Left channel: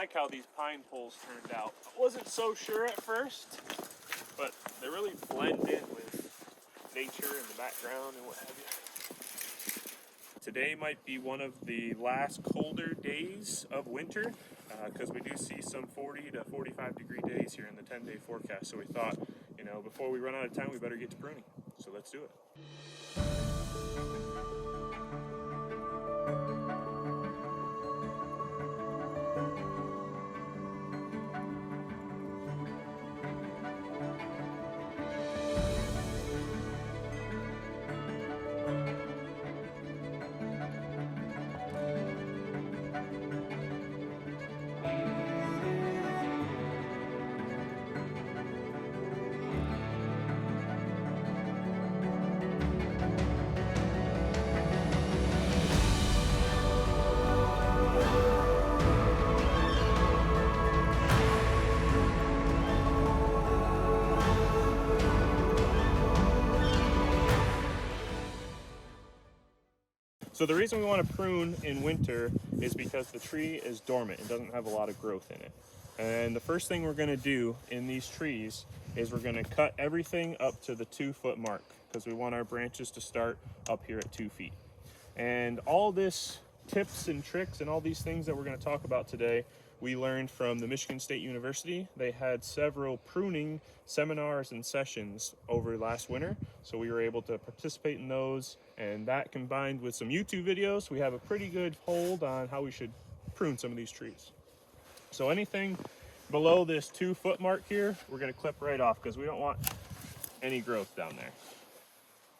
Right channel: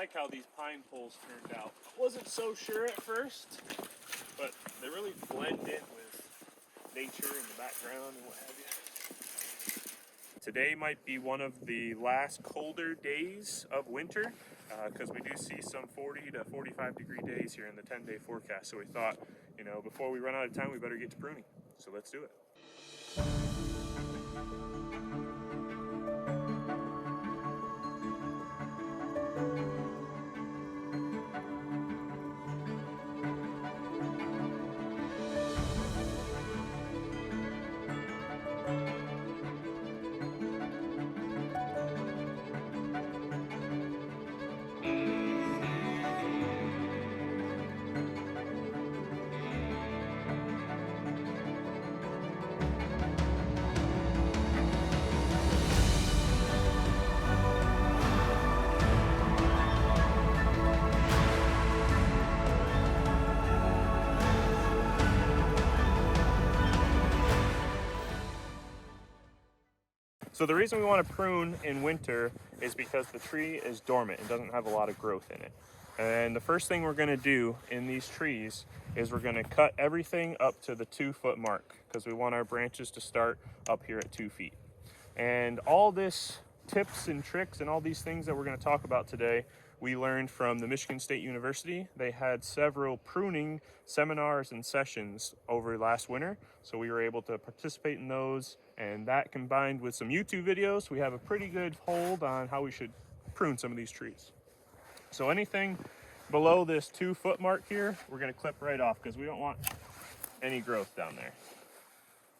like how these pine poles turned out. I wasn't so sure at first, but they really blend in with nature and the background and what have you. Today might be one of the last colder days of winter because we do see some 40 to 45 degree days here in the 10-day forecast. So we thought, you know, before we run out of time, we better get to pruning. So let's do it. So the reason we want to prune in winter is because the tree is dormant. It doesn't have a lot of growth in it. And the first thing we're going to do in these trees is we're going to cut everything up to the 2-foot mark because we want our branches to start up here at 2 feet. And all this tips and tricks and all these things that we're going to talk about today, we learned from the Michigan State University. They had several pruning seminars and sessions over last winter, so we were able to participate in those, and that combined with some YouTube videos, we have a pretty good hold on how we should prune some of these trees. So anything below this 2-foot mark here, we're going to clip right off because we don't want any growth down there.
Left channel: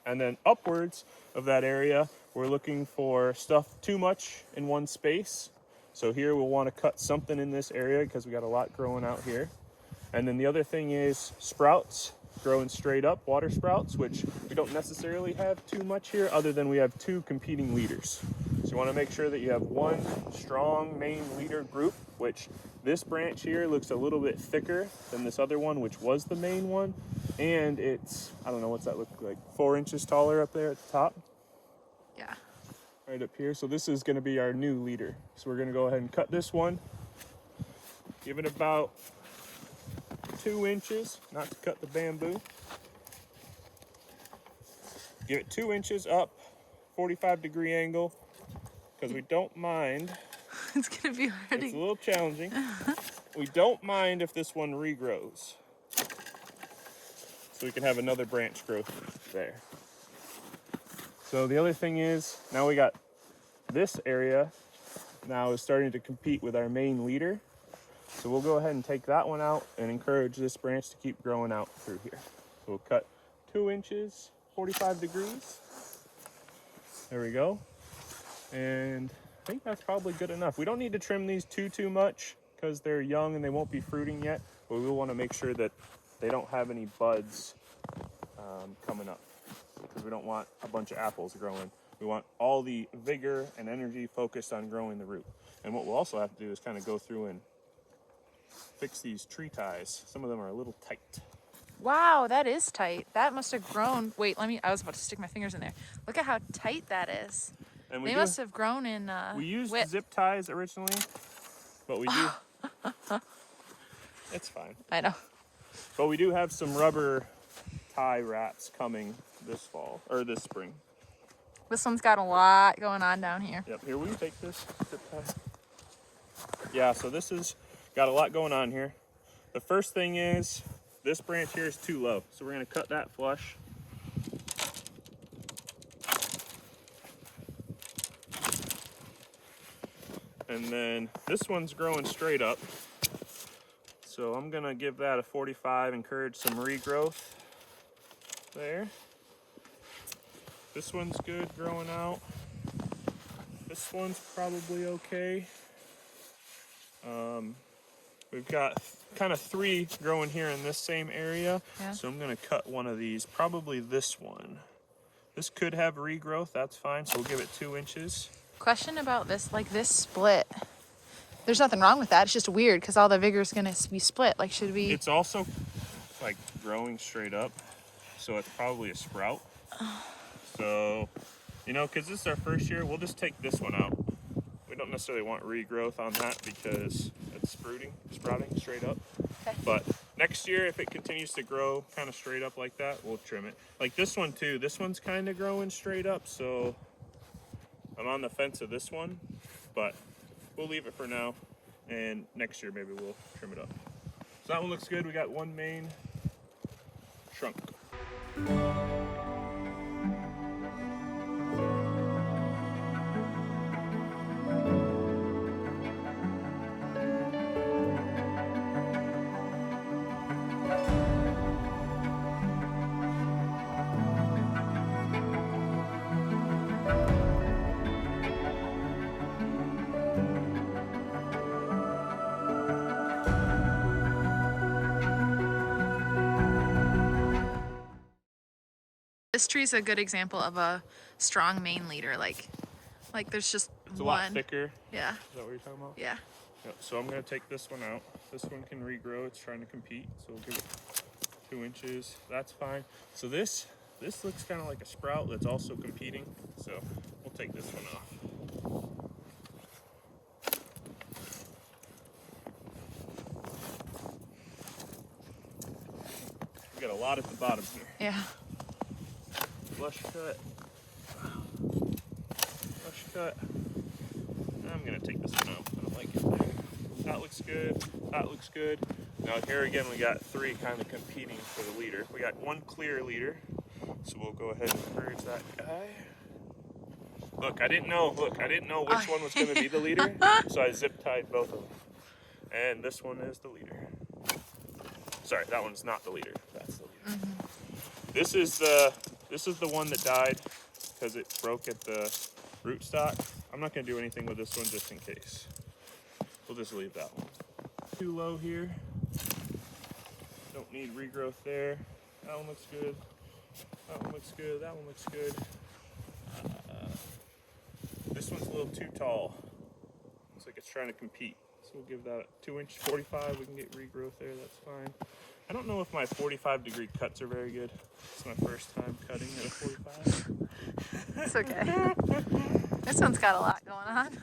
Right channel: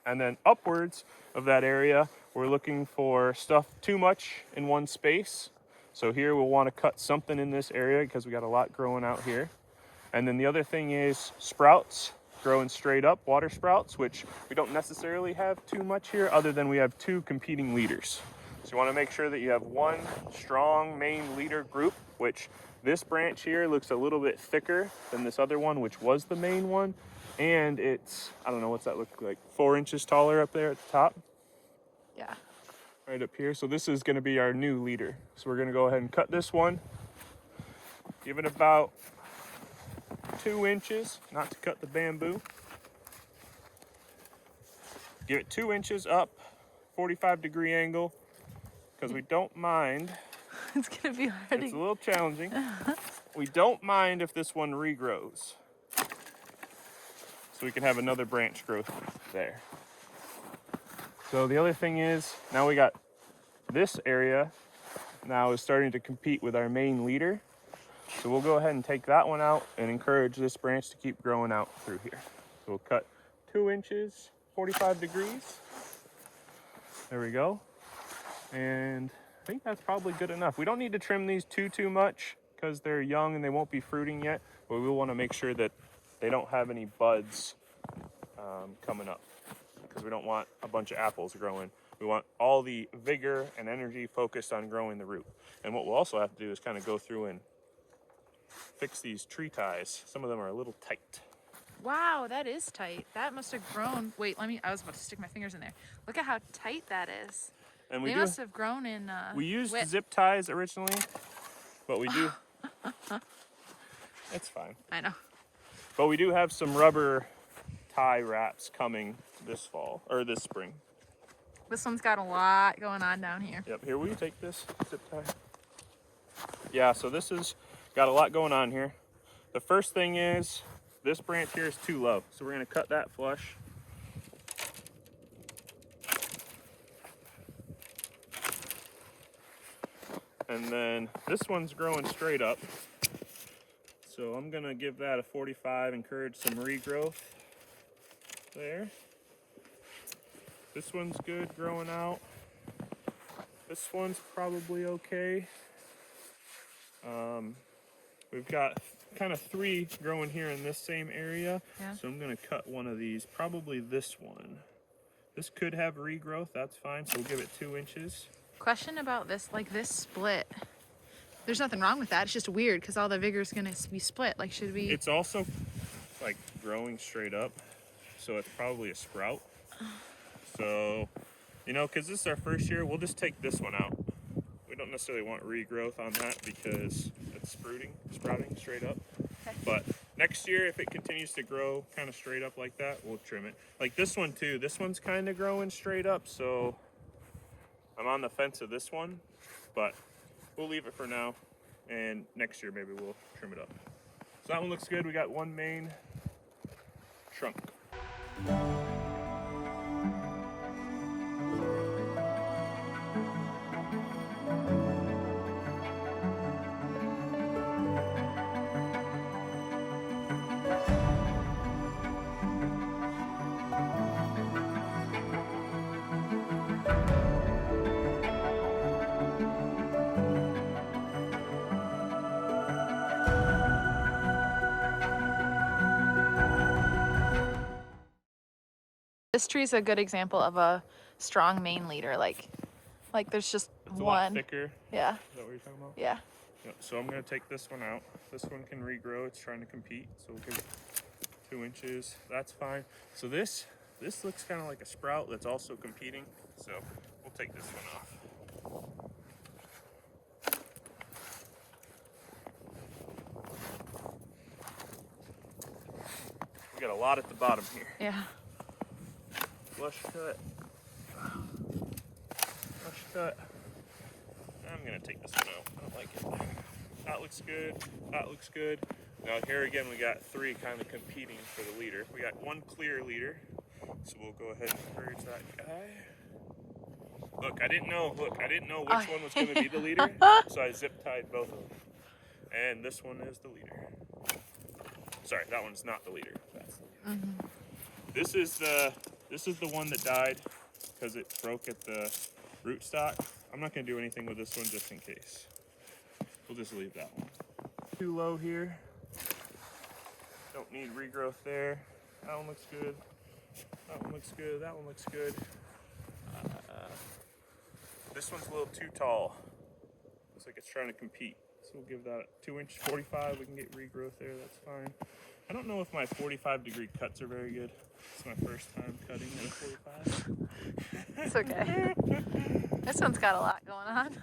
And then upwards of that area, we're looking for stuff too much in one space. So here we'll want to cut something in this area because we got a lot growing out here. And then the other thing is sprouts growing straight up, water sprouts, which we don't necessarily have too much here other than we have 2 competing leaders. So you want to make sure that you have one strong main leader group, which this branch here looks a little bit thicker than this other one, which was the main one. And it's, I don't know, what's that look like, 4 inches taller up there at the top? Yeah. Right up here. So this is going to be our new leader. So we're going to go ahead and cut this one. Give it about 2 inches, not to cut the bamboo. Give it 2 inches up, 45-degree angle, because we don't mind. It's going to be hard. It's a little challenging. We don't mind if this one regrows. So we can have another branch growth there. So the other thing is, now we got this area now is starting to compete with our main leader. So we'll go ahead and take that one out and encourage this branch to keep growing out through here. So we'll cut 2 inches, 45 degrees. There we go. And I think that's probably good enough. We don't need to trim these too much because they're young and they won't be fruiting yet, but we want to make sure that they don't have any buds coming up, because we don't want a bunch of apples growing. We want all the vigor and energy focused on growing the root. And what we'll also have to do is kind of go through and fix these tree ties. Some of them are a little tight. Wow, that is tight. That must have grown. Wait, I was about to stick my fingers in there. Look at how tight that is. And they must have grown in we used zip ties originally, but we do. It's fine. I know. But we do have some rubber tie wraps coming this fall, or this spring. This one's got a lot going on down here. Yep, here, will you take this zip tie? Yeah, so this has got a lot going on here. The first thing is, this branch here is too low, so we're going to cut that flush. And then this one's growing straight up. So I'm gonna give that a 45, encourage some regrowth there. This one's good growing out. This one's probably okay. We've got kind of 3 growing here in this same area. Yeah. So I'm gonna cut one of these, probably this one. This could have regrowth, that's fine, so we'll give it 2 inches. Question about this, like this split. There's nothing wrong with that. It's just weird because all the vigor is going to be split. Like, should we? It's also like growing straight up, so it's probably a sprout. So, you know, because this is our first year, we'll just take this one out. We don't necessarily want regrowth on that because it's sprouting straight up. Okay. But next year, if it continues to grow kind of straight up like that, we'll trim it. Like this one too, this one's kind of growing straight up, so I'm on the fence of this one, but we'll leave it for now, and next year maybe we'll trim it up. So that one looks good. We got one main trunk. This tree is a good example of a strong main leader. Like there's just It's a one. lot thicker. Yeah. Is that what you're talking about? Yeah. Yep. So I'm gonna take this one out. This one can regrow. It's trying to compete, so we'll give it 2 inches. That's fine. So this looks kind of like a sprout that's also competing. So we'll take this one off. We got a lot at the bottom here. Yeah. Flush cut. Flush cut. I'm gonna take this one out. I don't like it. That looks good. That looks good. Now here again we got 3 kind of competing for the leader. We got 1 clear leader. So we'll go ahead and purge that guy. Look, I didn't know which one was gonna be the leader. So I zip tied both of them. And this one is the leader. Sorry, that one's not the leader. That's the leader. Mm-hmm. This is the one that died because it broke at the rootstock. I'm not gonna do anything with this one just in case. We'll just leave that one. Too low here. Don't need regrowth there. That one looks good. That one looks good. That one looks good. This one's a little too tall. Looks like it's trying to compete. So we'll give that 2-inch 45. We can get regrowth there. That's fine. I don't know if my 45-degree cuts are very good. It's my first time cutting at a 45. It's okay. This one's got a lot going on.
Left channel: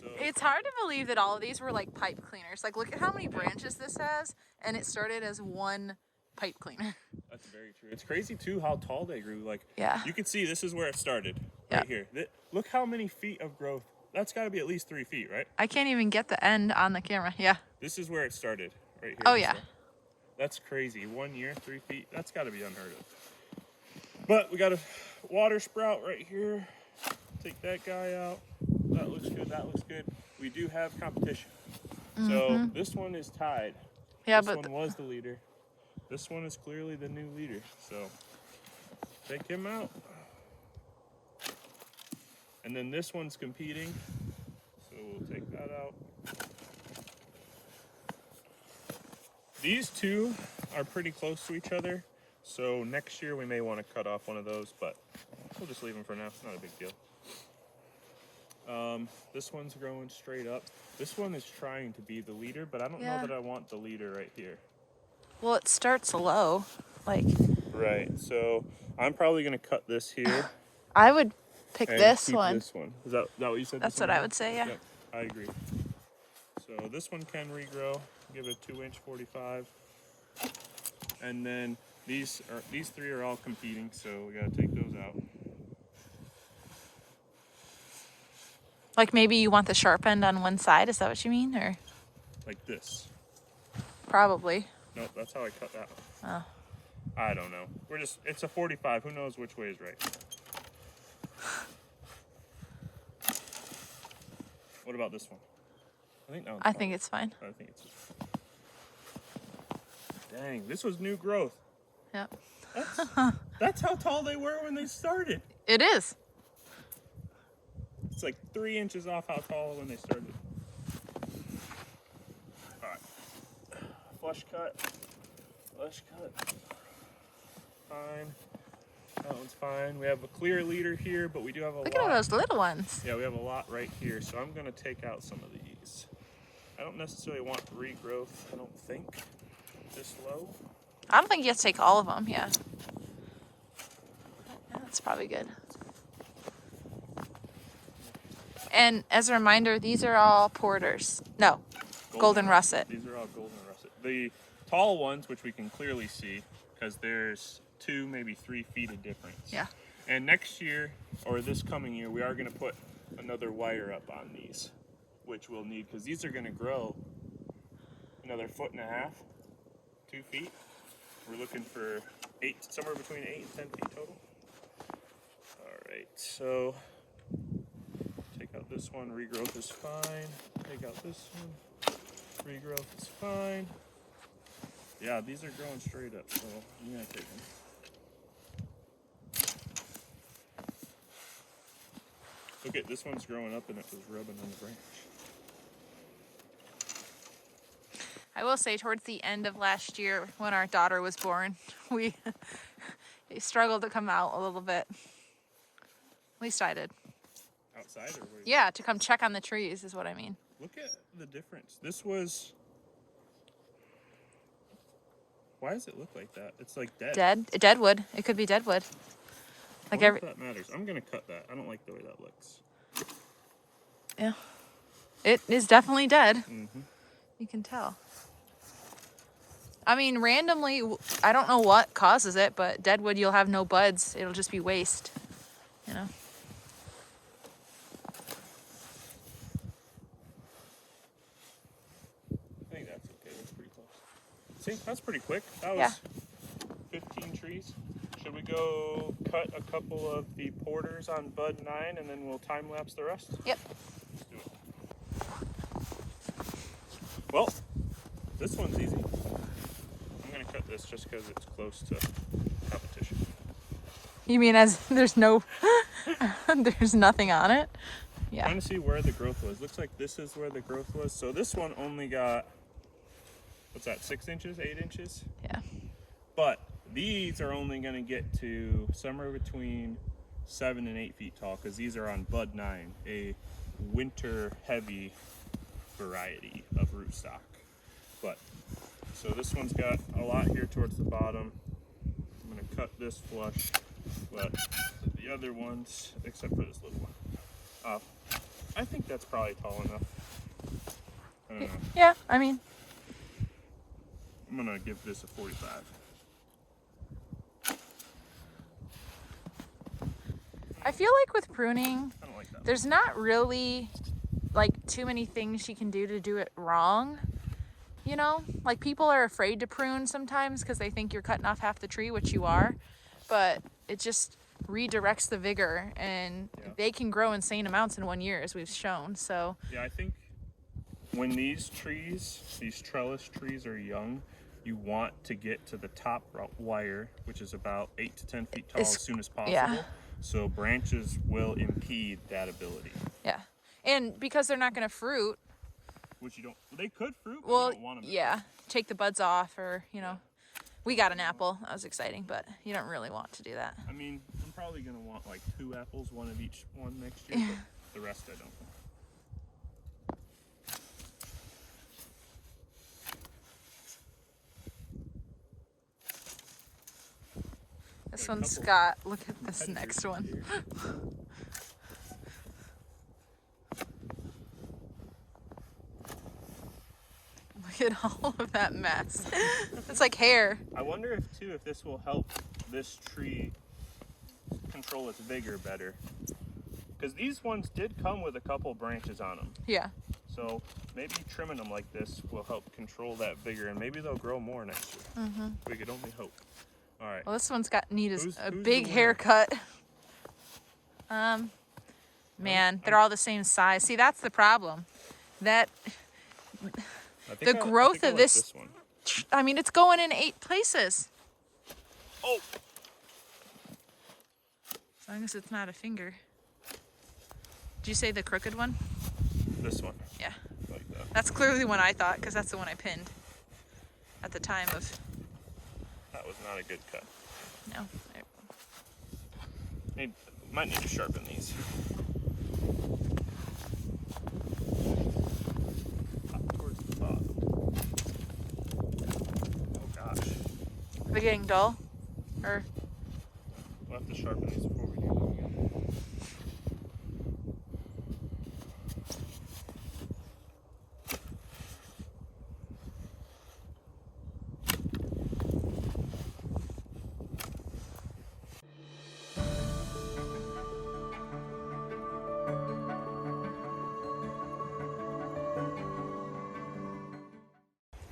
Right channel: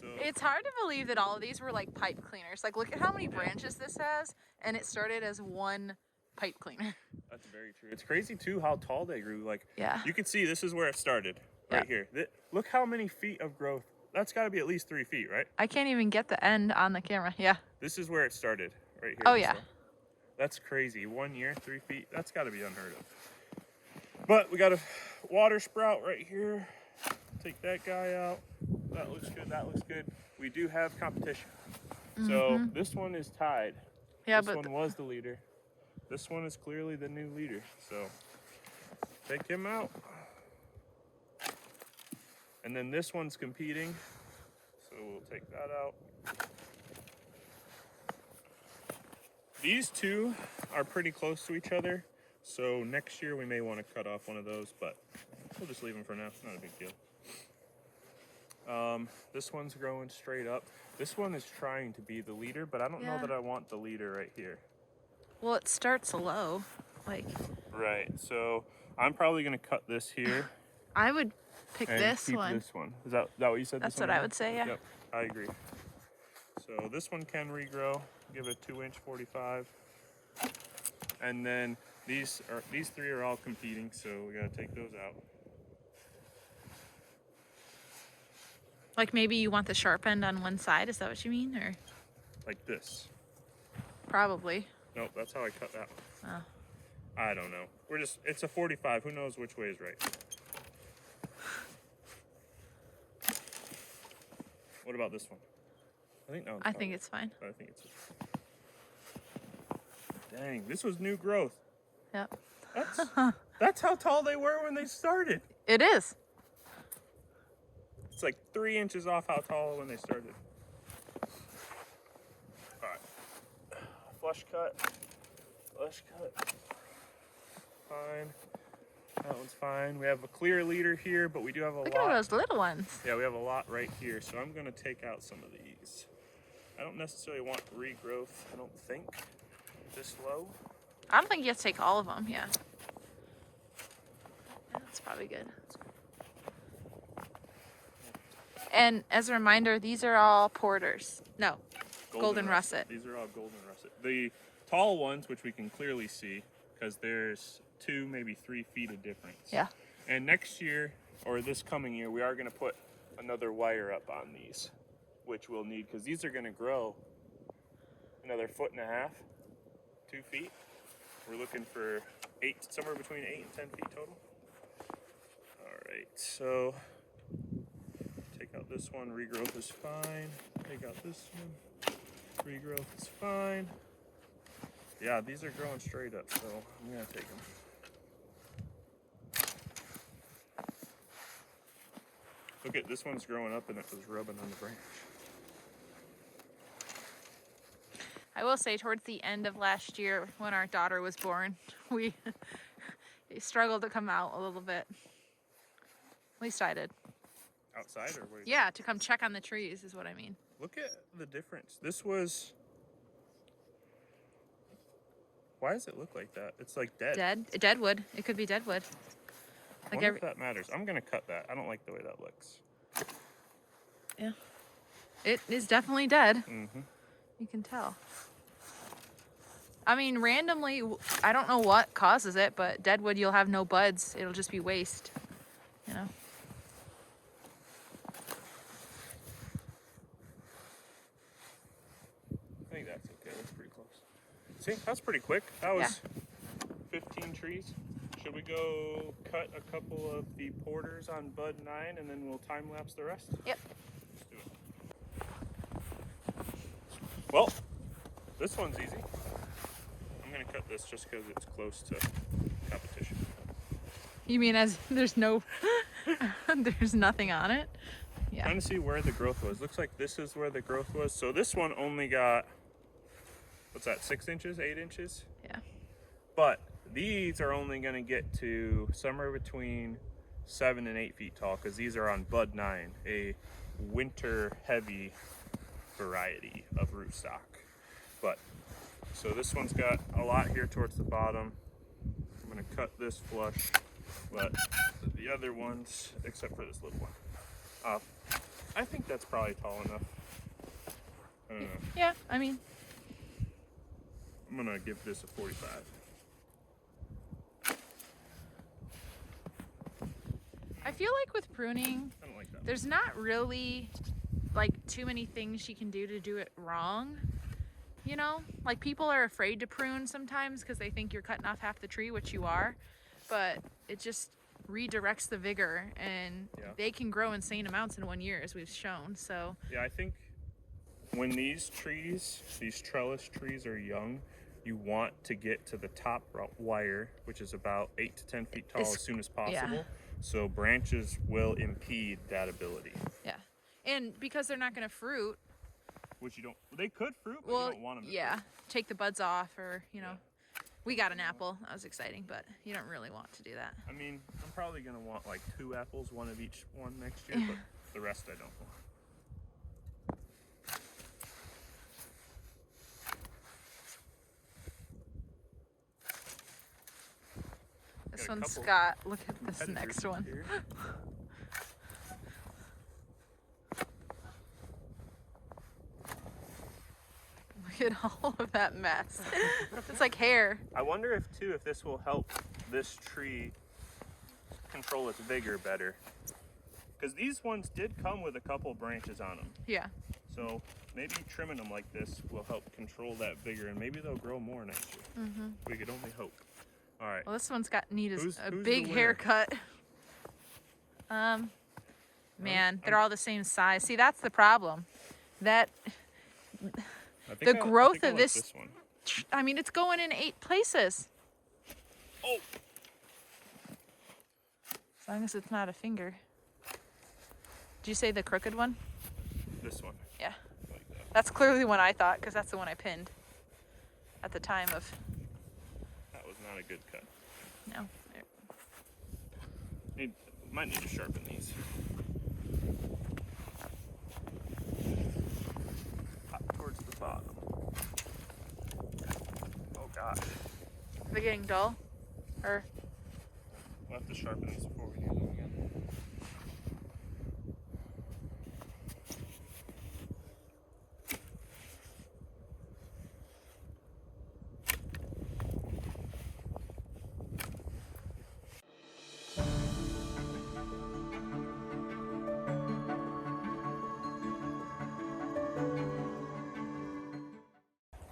So, It's hard to believe that all of these were like pipe cleaners. Like, look at how many branches this has, and it started as one pipe cleaner. that's very true. It's crazy too how tall they grew. Like, Yeah. you can see this is where it started, right here. Look how many feet of growth. That's got to be at least 3 feet, right? I can't even get the end on the camera. Yeah. This is where it started, right here. Oh, yeah. That's crazy. 1 year, 3 feet. That's got to be unheard of. But we got a water sprout right here. Take that guy out. That looks good. That looks good. We do have competition. So this one is tied. Yeah, this but one was the leader. This one is clearly the new leader. So take him out. And then this one's competing. So we'll take that out. These two are pretty close to each other. So next year we may want to cut off one of those, but we'll just leave them for now. Not a big deal. This one's growing straight up. This one is trying to be the leader, but I don't know that I want the leader right here. well, it starts low. Like, Right, so I'm probably gonna cut this here. I would pick and this keep one. This one. Is that what you said? That's this what one I was? would say, yeah. Yep, I agree. So this one can regrow. Give it a 2-inch 45. And then these 3 are all competing, so we gotta take those out. Like, maybe you want the sharp end on one side. Is that what you mean? Or Like this. probably. Nope, that's how I cut that one. Oh. I don't know. It's a 45. Who knows which way is right? What about this one? I think that one's I fine. think it's fine. I think it's. Dang, this was new growth. Yep. That's how tall they were when they started. It is. It's like 3 inches off how tall when they started. All right. Flush cut. Flush cut. Fine. That one's fine. We have a clear leader here, but we do have a lot. Look at all those little ones. Yeah, we have a lot right here, so I'm gonna take out some of these. I don't necessarily want regrowth, I don't think, this low. I don't think you have to take all of them. Yeah. That's probably good. And as a reminder, these are all porters. No, Golden Russet. These are all Golden Russet. The tall ones, which we can clearly see, because there's 2, maybe 3 feet of difference. Yeah. And next year, or this coming year, we are going to put another wire up on these, which we'll need, because these are going to grow another 1.5 feet, 2 feet. We're looking for somewhere between 8 and 10 feet total. All right, so take out this one, regrowth is fine. Take out this one, regrowth is fine. Yeah, these are growing straight up, so I'm gonna take them. Look at this one's growing up and it was rubbing on the branch. I will say towards the end of last year when our daughter was born, they struggled to come out a little bit. At least I did. Outside or what? Yeah, to come check on the trees is what I mean. Look at the difference. This was... Why does it look like that? It's like dead. Deadwood. It could be deadwood. Like if that matters. I'm gonna cut that. I don't like the way that looks. Yeah. It is definitely dead. Mm-hmm. You can tell. I mean, randomly, I don't know what causes it, but deadwood, you'll have no buds. It'll just be waste, you know? I think that's okay. That's pretty close. See, that's pretty quick. That was 15 trees. Should we go cut a couple of the porters on bud 9 and then we'll time lapse the rest? Yep. Let's do it. Well, this one's easy. I'm gonna cut this just because it's close to competition. You mean as there's no, there's nothing on it? Yeah. Trying to see where the growth was. Looks like this is where the growth was. So this one only got, what's that, 6 inches, 8 inches? Yeah. But these are only gonna get to somewhere between 7 and 8 feet tall because these are on bud 9, a winter heavy variety of rootstock. But so this one's got a lot here towards the bottom. I'm gonna cut this flush, but the other ones, except for this little one, I think that's probably tall enough. I don't know. Yeah, I mean. I'm gonna give this a 45. I feel like with pruning, I don't like that. there's not really like too many things you can do it wrong. You know, like people are afraid to prune sometimes because they think you're cutting off half the tree, which you are, but it just redirects the vigor and they can grow insane amounts in 1 year as we've shown. So yeah, I think when these trees, these trellis trees are young, you want to get to the top wire, which is about 8 to 10 feet tall as soon as possible. Yeah. So branches will impede that ability. Yeah. And because they're not going to fruit. Which you don't, they could fruit, but Well, you don't want them to fruit. Take the buds off or, you know. We got an apple. That was exciting, but you don't really want to do that. I mean, I'm probably going to want like 2 apples, 1 of each one next year, but the rest I don't want. This one's got, look at this next one. Look at all of that mess. It's like hair. I wonder if this will help this tree control its vigor better. Because these ones did come with a couple branches on them. Yeah. So maybe trimming them like this will help control that vigor and maybe they'll grow more next year. Mm-hmm. We could only hope. All right. Well, this one's got Who's a the big winner? haircut. Man, they're all the same size. See, that's the problem. That the growth of this one. I mean, it's going in 8 places. Oh. As long as it's not a finger. Did you say the crooked one? This one. Yeah. Like that. That's clearly the one I thought, because that's the one I pinned at the time of. That was not a good cut. No. Might need to sharpen these. Up towards the bottom. Oh gosh. They're getting dull? Or. We'll have to sharpen these before we do them again.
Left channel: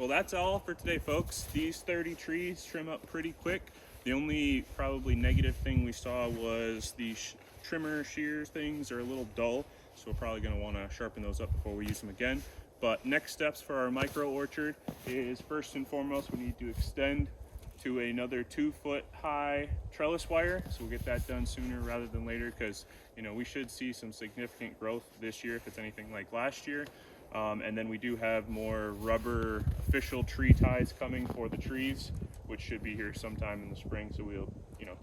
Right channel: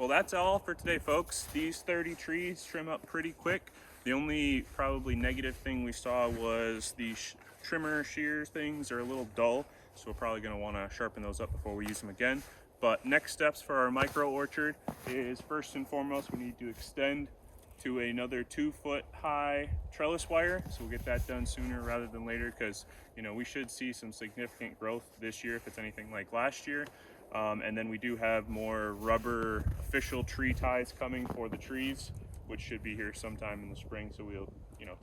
Well, that's all for today, folks. These 30 trees trim up pretty quick. The only probably negative thing we saw was the trimmer shears things are a little dull, so we're probably going to want to sharpen those up before we use them again. But next steps for our micro orchard is, first and foremost, we need to extend to another 2-foot high trellis wire. So we'll get that done sooner rather than later, because we should see some significant growth this year if it's anything like last year. And then we do have more rubber official tree ties coming for the trees, which should be here sometime in the spring. So we'll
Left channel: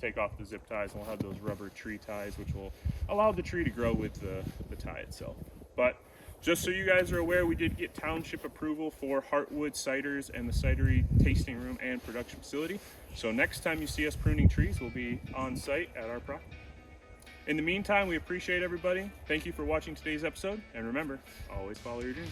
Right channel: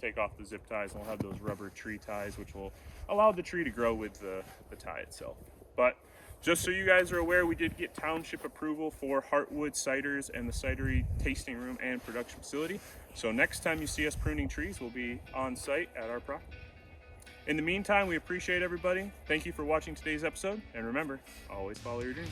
take off the zip ties and we'll have those rubber tree ties, which will allow the tree to grow with the tie itself. But just so you guys are aware, we did get township approval for Heartwood Ciders and the Cidery tasting room and production facility. So next time you see us pruning trees, we'll be on site at our property. In the meantime, we appreciate everybody. Thank you for watching today's episode. And remember, always follow your dreams.